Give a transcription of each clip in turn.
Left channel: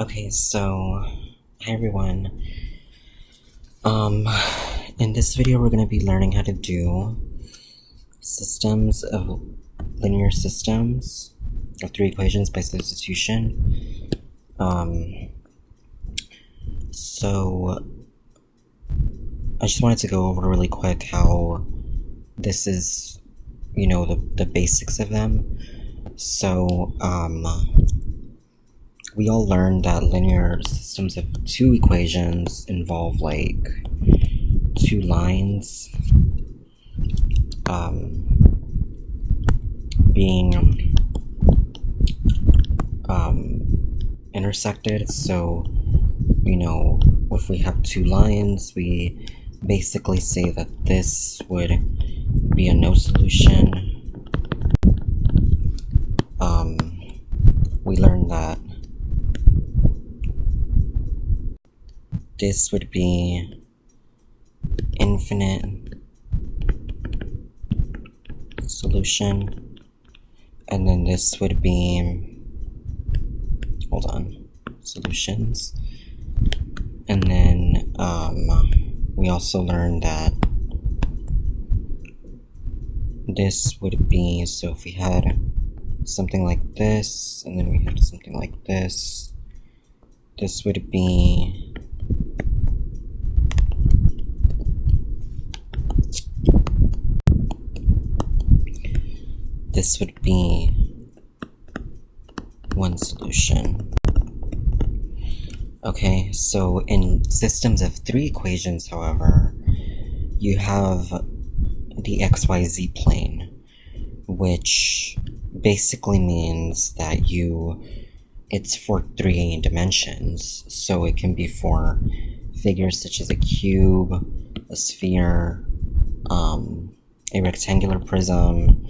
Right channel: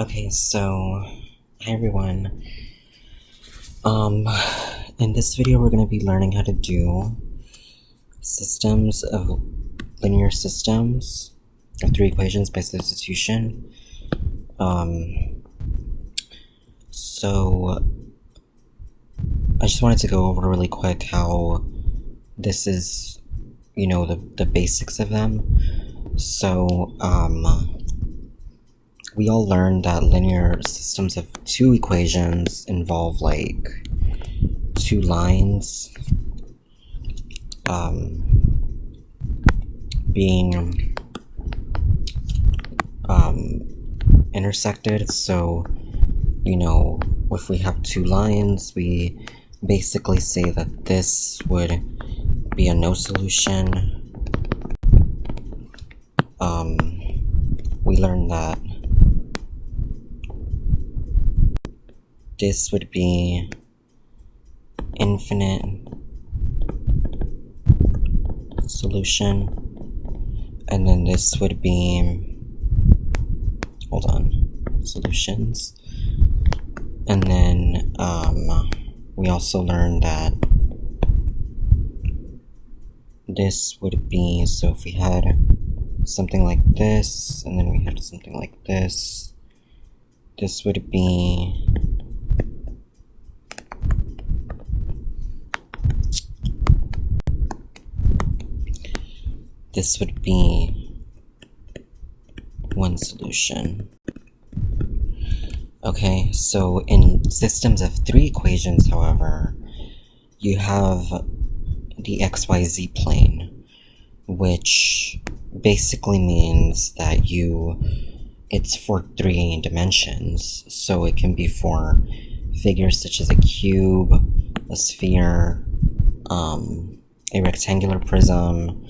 Okay, so hi everyone. In this video we're going to be learning how to do systems of linear systems of three equations by substitution. So I just wanted to go over really quick how this is, the basics of them. So, we all learned that linear systems of two equations involve like two lines being intersected. So, if we have two lines, we basically say that this would be a no solution. We learned that this would be infinite solution, and then this would be, solutions. And then we also learned that this would be, so if we had something like this, and then we had something like this would be one solution. Okay, so in systems of three equations, however, you have the XYZ plane, which basically means that it's for three dimensions. So it can be for figures such as a cube, a sphere, a rectangular prism,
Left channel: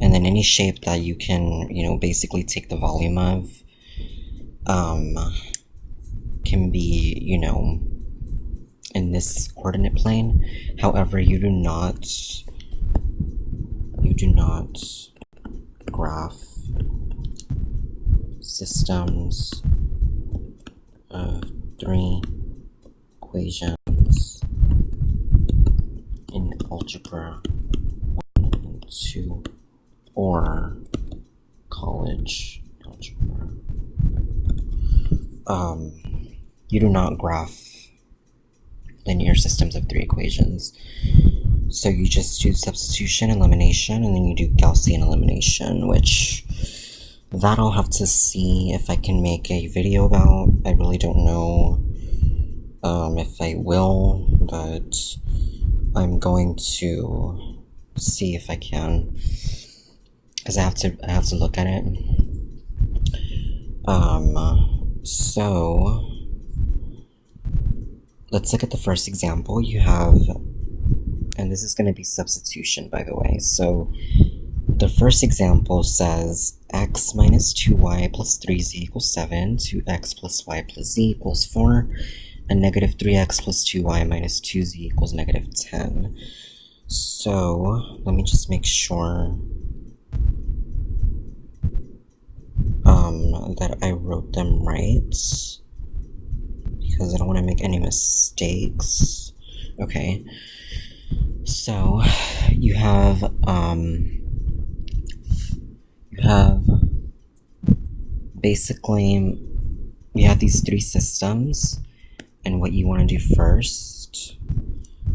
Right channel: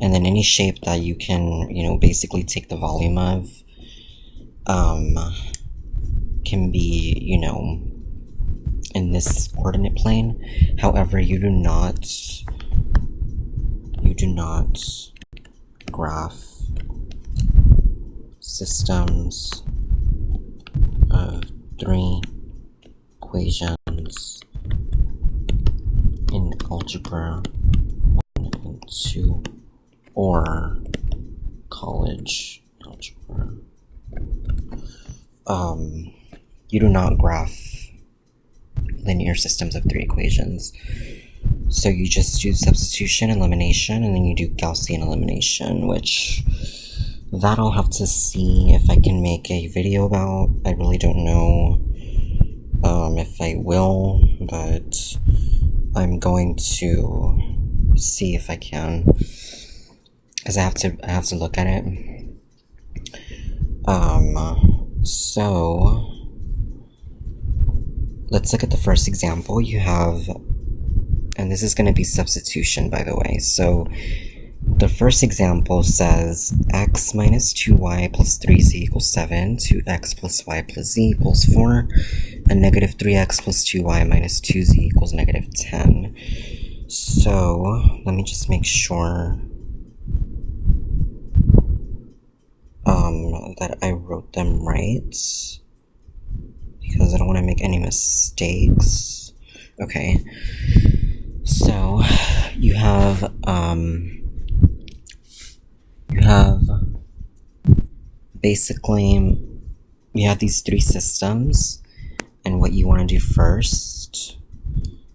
and then any shape that you can, basically take the volume of, can be, in this coordinate plane. However, you do not graph systems of three equations in Algebra 1 and 2 or college algebra. You do not graph linear systems of three equations. So you just do substitution, elimination, and then you do Gaussian elimination, which that I'll have to see if I can make a video about. I really don't know if I will, but I'm going to see if I can, because I have to look at it. So let's look at the first example. You have, and this is going to be substitution, by the way. So the first example says x minus 2y plus 3z equals 7, 2x plus y plus z equals 4, and negative 3x plus 2y minus 2z equals negative 10. So let me just make sure that I wrote them right, because I don't want to make any mistakes. Okay, so you have basically you have these three systems, and what you want to do first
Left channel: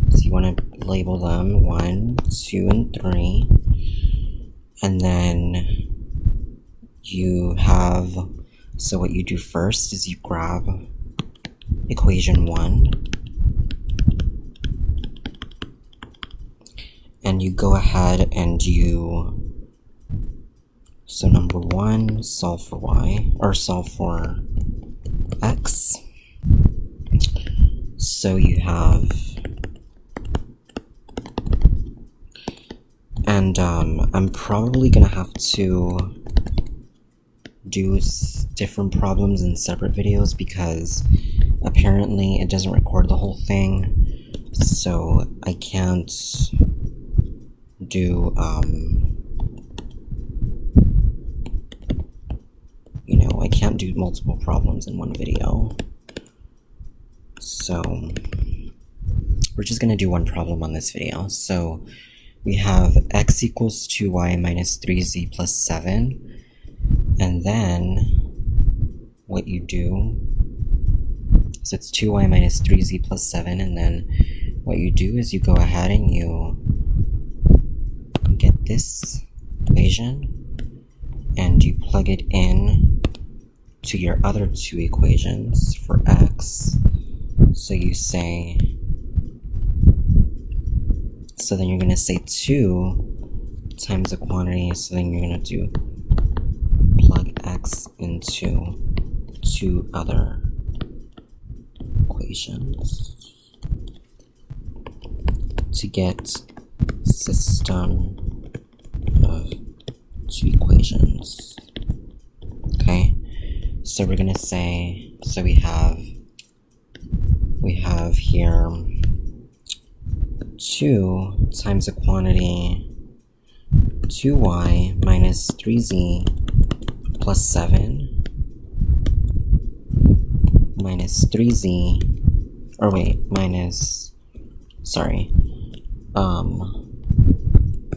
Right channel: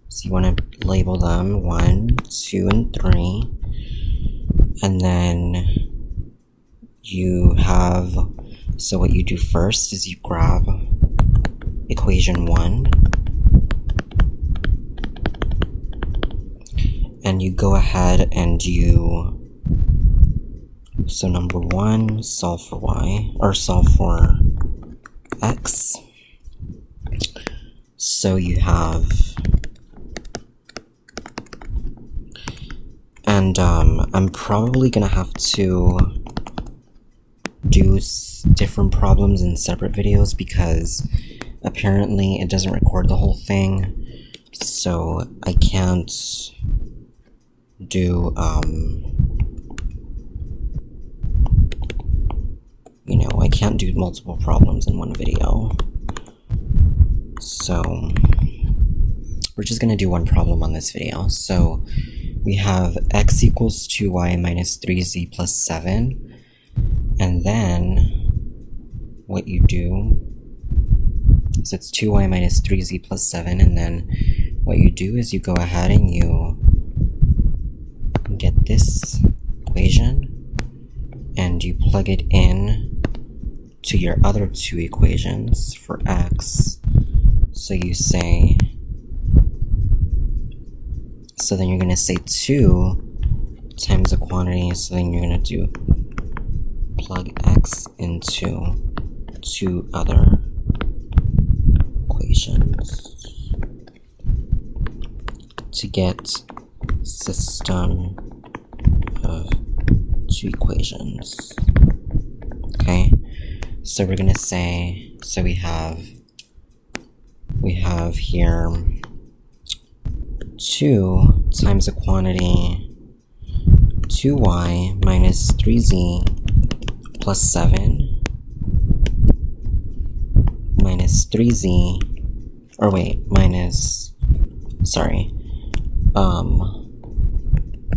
is you want to label them 1, 2, and 3, and then so what you do first is you grab equation 1 and you go ahead and so number 1, solve for y, or solve for x. So you have, and I'm probably gonna have to do different problems in separate videos because apparently it doesn't record the whole thing, so I can't do I can't do multiple problems in one video. So we're just going to do one problem on this video. So we have x equals 2y minus 3z plus 7. And then what you do is it's 2y minus 3z plus 7. And then what you do is you go ahead and you get this equation and you plug it in to your other two equations for x. So you say, so then you're going to say 2 times the quantity, so then you're going to do plug x into two other equations to get system of two equations. Okay, so we're going to say, so we have here 2 times the quantity 2y minus 3z plus 7 minus 3z, or wait, minus, sorry,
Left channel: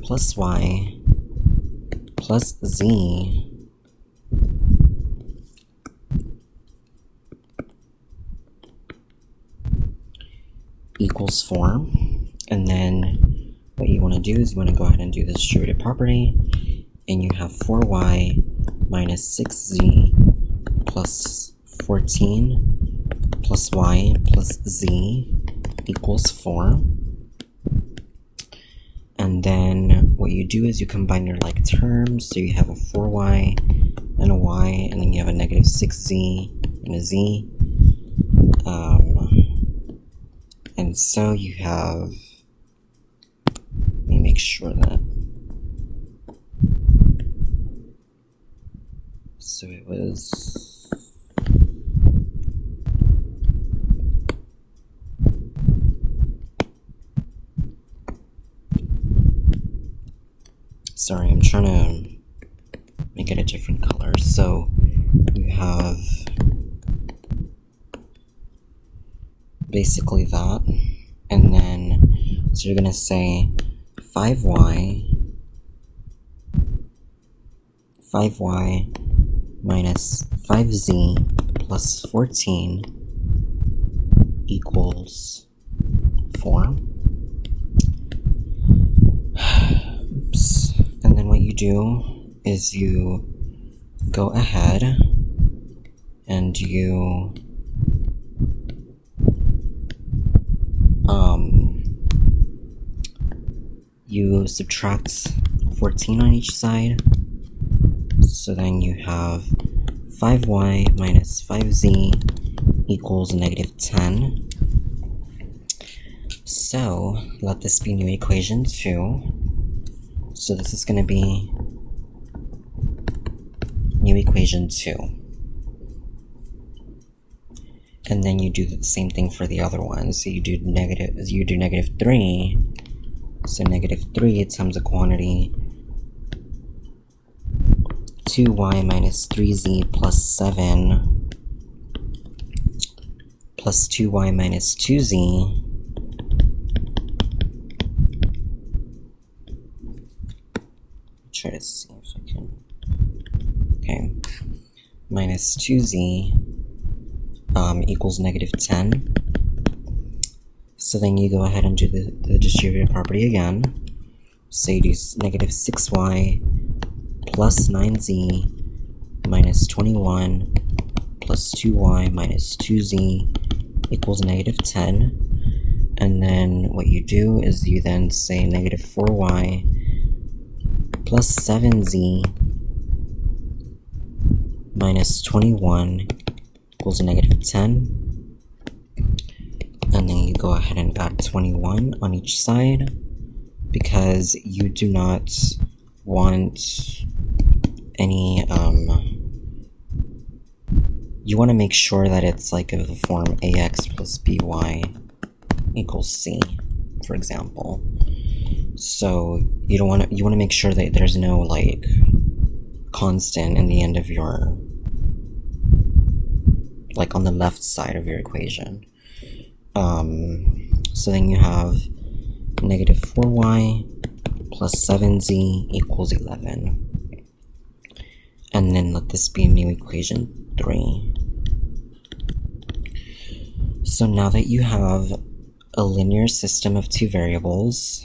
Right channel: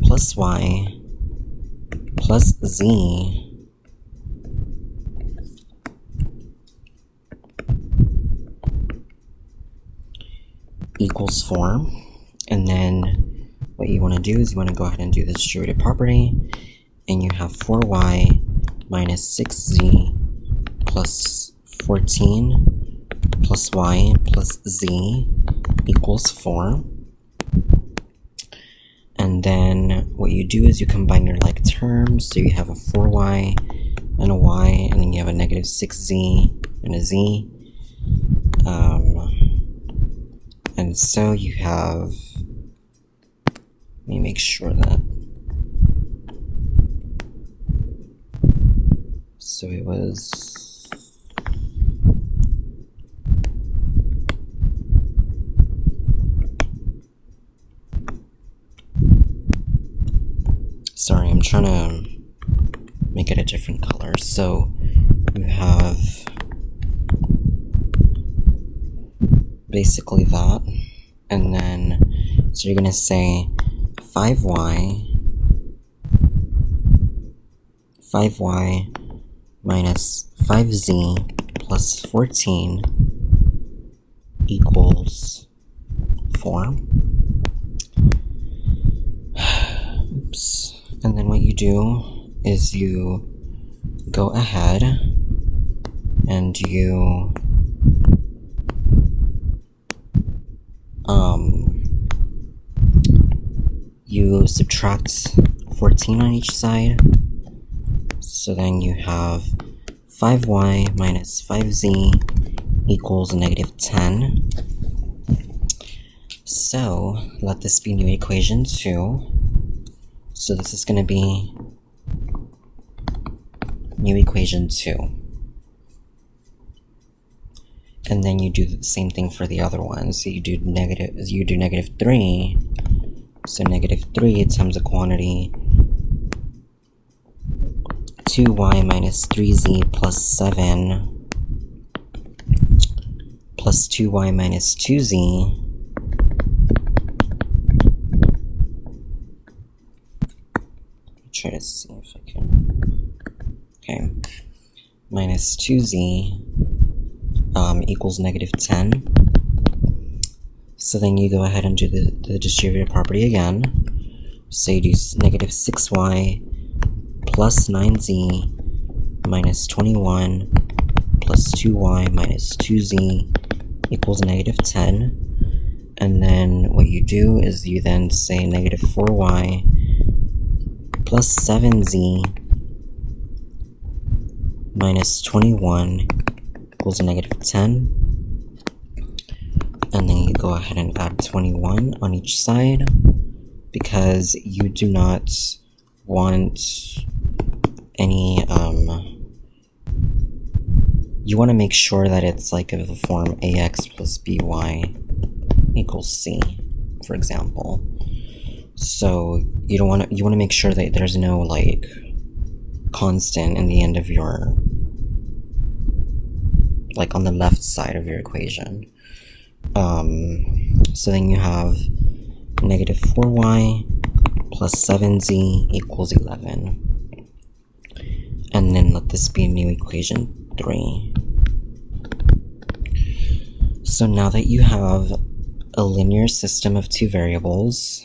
plus y plus z equals 4. And then what you want to do is you want to go ahead and do the distributive property, and you have 4y minus 6z plus 14 plus y plus z equals 4. And then what you do is you combine your like terms, so you have a 4y and a y, and then you have a negative 6z and a z. And so you have, let me make sure that, so it was, sorry, I'm trying to make it a different color. So you have basically that, and then so you're gonna say 5y minus 5z plus 14 equals 4. Oops. And then what you do is you go ahead and you subtract 14 on each side, so then you have 5y minus 5z equals negative 10. So let this be new equation 2. So this is going to be new equation 2. And then you do the same thing for the other one. So you do negative 3. So negative 3 times the quantity 2y minus 3z plus 7 plus 2y minus 2z try to see if I can, okay, minus 2z equals negative 10. So then you go ahead and do the distributive property again. So you do negative 6y plus 9z minus 21 plus 2y minus 2z equals negative 10. And then what you do is you then say negative 4y plus 7z minus 21 equals negative 10. And then you go ahead and add 21 on each side, because you do not want any, you want to make sure that it's like of the form ax plus by equals c, for example. So you want to make sure that there's no like constant in the end of your like on the left side of your equation. So then you have negative 4y plus 7z equals 11. And then let this be new equation 3. So now that you have a linear system of two variables,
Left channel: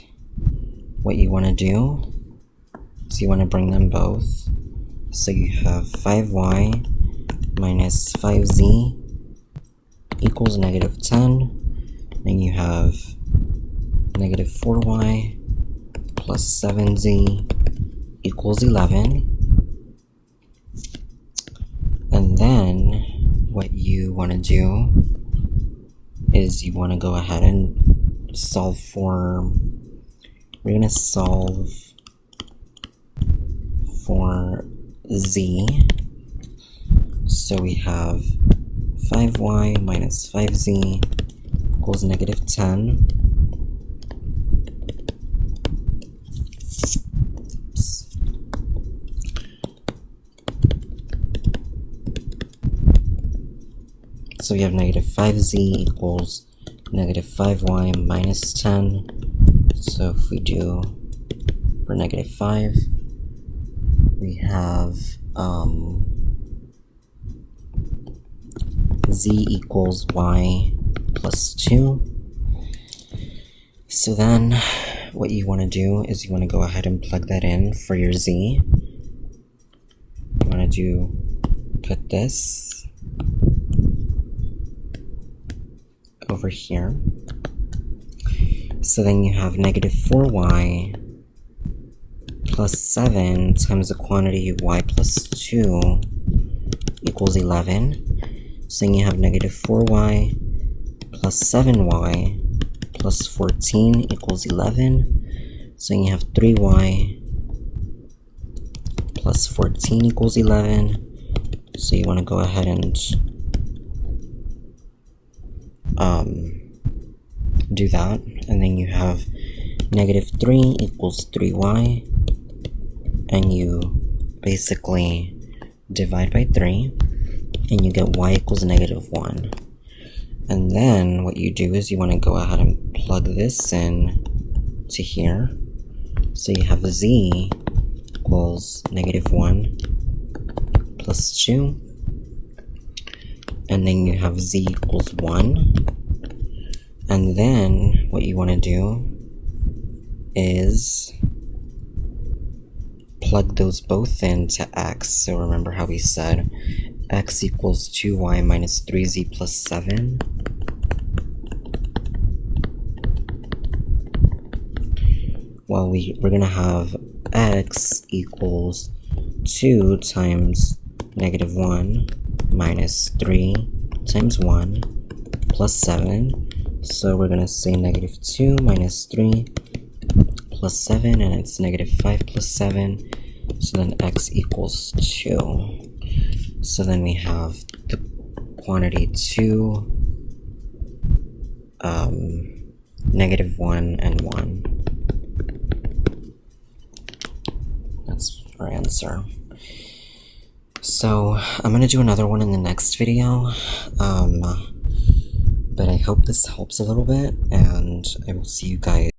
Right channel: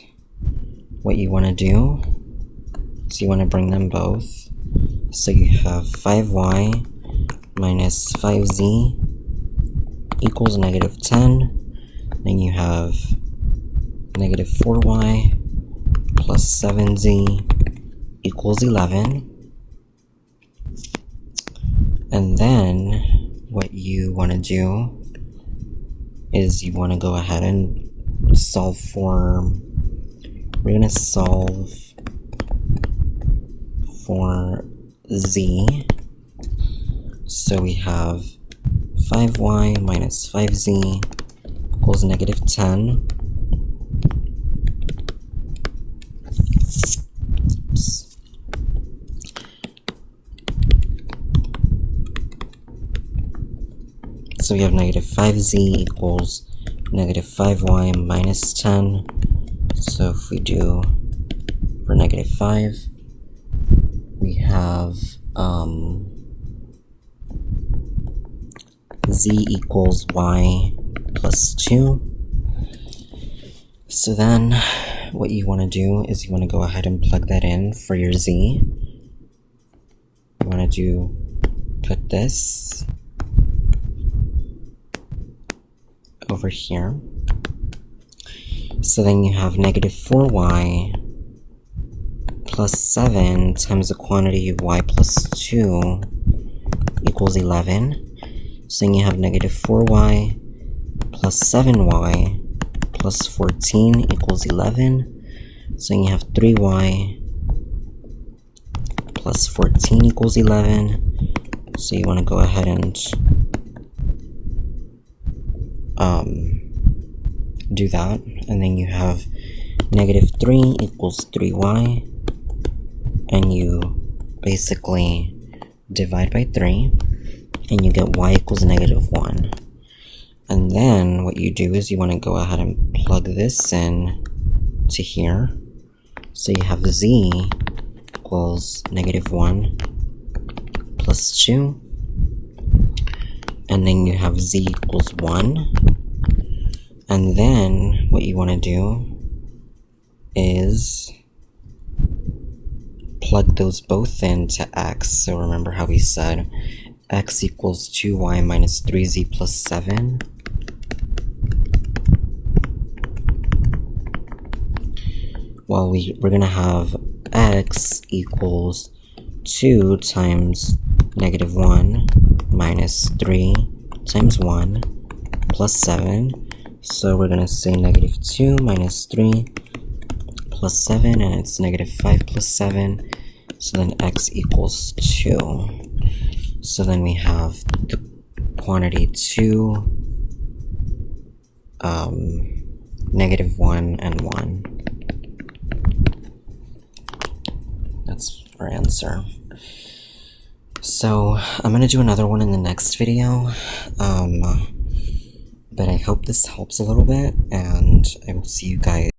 what you want to do is you want to bring them both. So you have 5y minus 5z equals negative 10. Then you have negative 4y plus 7z equals 11. And then what you want to do is you want to go ahead and solve for, we're going to solve for z. So we have 5y minus 5z equals negative 10. So we have negative 5z equals negative 5y minus 10. So if we do for negative 5, we have z equals y plus 2. So then what you want to do is you want to go ahead and plug that in for your z. You want to put this over here. So then you have negative 4y plus 7 times the quantity y plus 2 equals 11. So then you have negative 4y plus 7y plus 14 equals 11. So then you have 3y plus 14 equals 11. So you want to go ahead and do that, and then you have negative 3 equals 3y, and you basically divide by 3, and you get y equals negative 1. And then what you do is you want to go ahead and plug this in to here. So you have z equals negative 1 plus 2, and then you have z equals 1. And then what you want to do is plug those both into x. So remember how we said x equals 2y minus 3z plus 7. Well, we're going to have x equals 2 times negative 1 minus 3 times 1 plus 7. So we're going to say negative 2 minus 3 plus 7, and it's negative 5 plus 7. So then x equals 2. So then we have the quantity 2, negative 1, and 1. That's our answer. So I'm going to do another one in the next video. But I hope this helps a little bit, and I will see you guys